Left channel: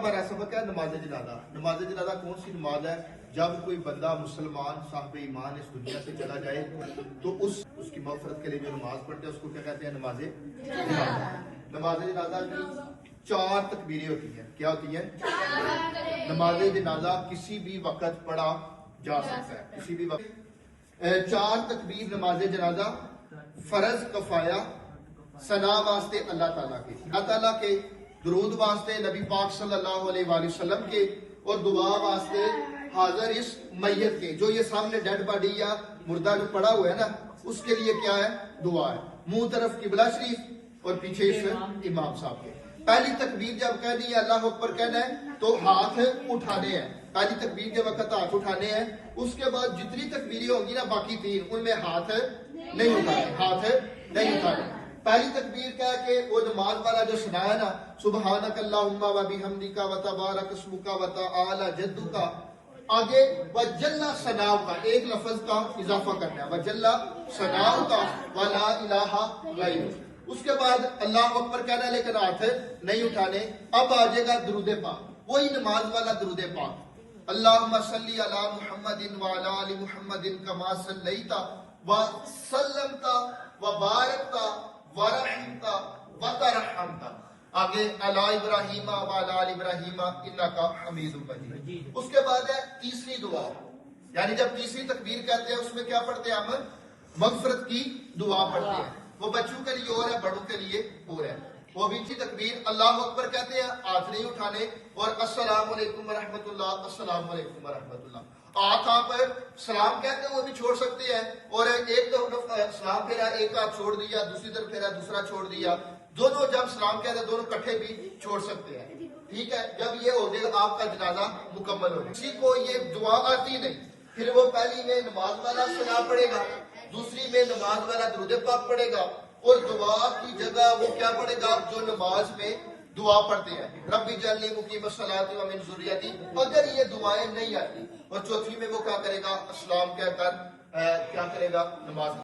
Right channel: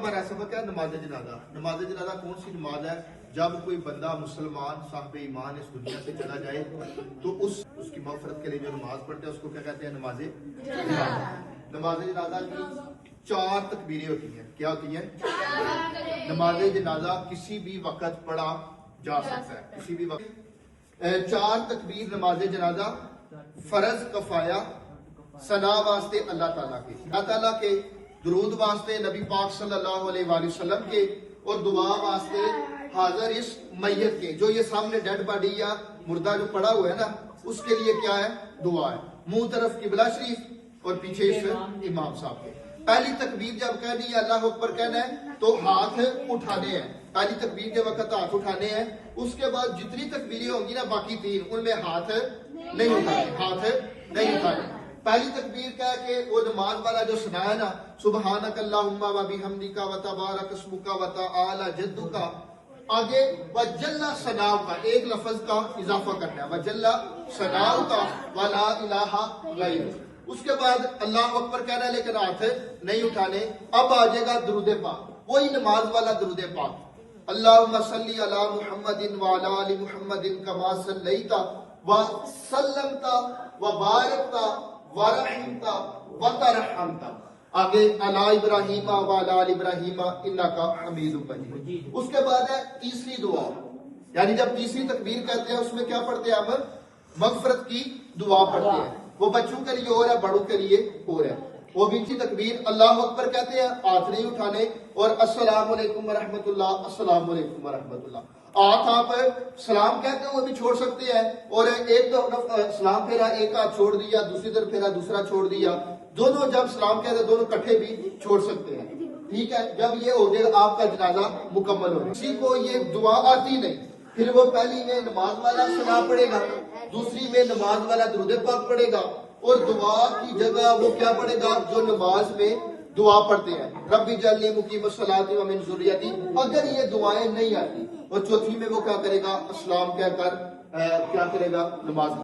ہمارا سبق ہے نماز جنازہ. نماز جنازہ کون سی نماز ہے؟ جب کوئی بندہ مسلمان صاحب ایمان اس دنیا سے چلا جائے تو اس کی مغفرت کے لیے جو نماز پڑھتے ہیں اس کو کیا کہتے ہیں؟ نماز جنازہ. نماز جنازہ کی 4 تکبیریں ہوتی ہیں. کیا ہوتی ہیں؟ نماز جنازہ کسی بھی وقت پڑھا جا سکتا ہے, کسی بھی وقت. 4 تکبیر نماز جنازہ فرض کفایہ ثنا واسطے اللہ تعالیٰ کے, اللہ تعالیٰ کے درود واسطے نبی پاک صلی اللہ علیہ وآلہ وسلم کے, اور دعا واسطے حاضر اس میت کے, جو یہ سامنے ڈیڈ باڈی یا مردہ جو پڑا ہوا ہے نا, اس کے لیے کیا ہے؟ دعا ہے. منہ طرف قبلہ شریف اور پیچھے اس امام صاحب کے. پہلی تکبیر جب کہنی ہے اللہ اکبر کہنا ہے تو ہاتھ اٹھانے ہیں. پہلی تکبیر کے وقت ہاتھ اٹھانے ہیں. اس کے بعد جتنی تکبیریں ہوں گی نا باقی 3 ان میں ہاتھ نہیں اٹھانے, ہاتھ نہیں اٹھانے. پہلی تکبیر کہہ کے وہ نماز والا جو سنایا نا, سبحانک اللہم و بحمدک و تبارک اسمک و تعالی جدک, آگے وجلہ ثناء کا ایک لفظ کا اضافہ کرنا ہے, وجلہ ثناء کا ولا الہ غیر. اس کے بعد اللہ اکبر کہنا ہے لیکن ہاتھ نہیں اٹھانے. اب آ جائے گا درود پاک, وہی نماز والا درود پاک. اللہم صلی علی محمد وعلی آل محمد کما صلیت وسلمت وبارکت ورحمتا وترحمتا, آگے علی ابراہیم وعلی آل ابراہیم انکا حمید مجید. اس کے بعد ہے تیسری دعا, یعنی جب تیسری تکبیر کہتے ہیں اس میں کیا پڑھتے ہیں؟ ہم مغفرت کی دعا پڑھتے ہیں. وہ بچوں کے لیے اور ہے, بڑوں کے لیے اور ہے. وہ بھی اسی تکبیر اللہ اکبر کہتے ہیں, ہاتھ نہیں اٹھانے, اور السلام علیکم ورحمۃ اللہ, السلام علیکم ورحمۃ اللہ. آپ سلام کہتے ہیں وہ بھی چھوڑ سکتے ہیں, اور ایک سلام پھیرا, ایک ہاتھ چھوڑ دیا, دوسری طرف پھیرا, دوسرا چھوڑ دیا. دونوں جب سلام کہتے ہیں دونوں کٹھے بھی چھوڑ سکتے ہیں. ٹھیک ہے, جب یہ ہو جائے آپ کا جنازہ مکمل ہو جائے. کسی کو یہ دعا آتی نہیں, پھر وہ پہلی میں نماز والا سلام پڑھے گا, دوسری میں نماز والا درود پاک پڑھے گا, اور دعا کی جگہ وہ کیا پڑھے گا جو نماز میں دعا پڑھتے ہیں, رب اجعلنی مقیم الصلاۃ ومن ذریتی. اگر یہ دعائیں نہیں آتی, اور چوتھی میں وہ کیا کرے گا؟ اسلام کہہ کر کیا کرے گا؟ نماز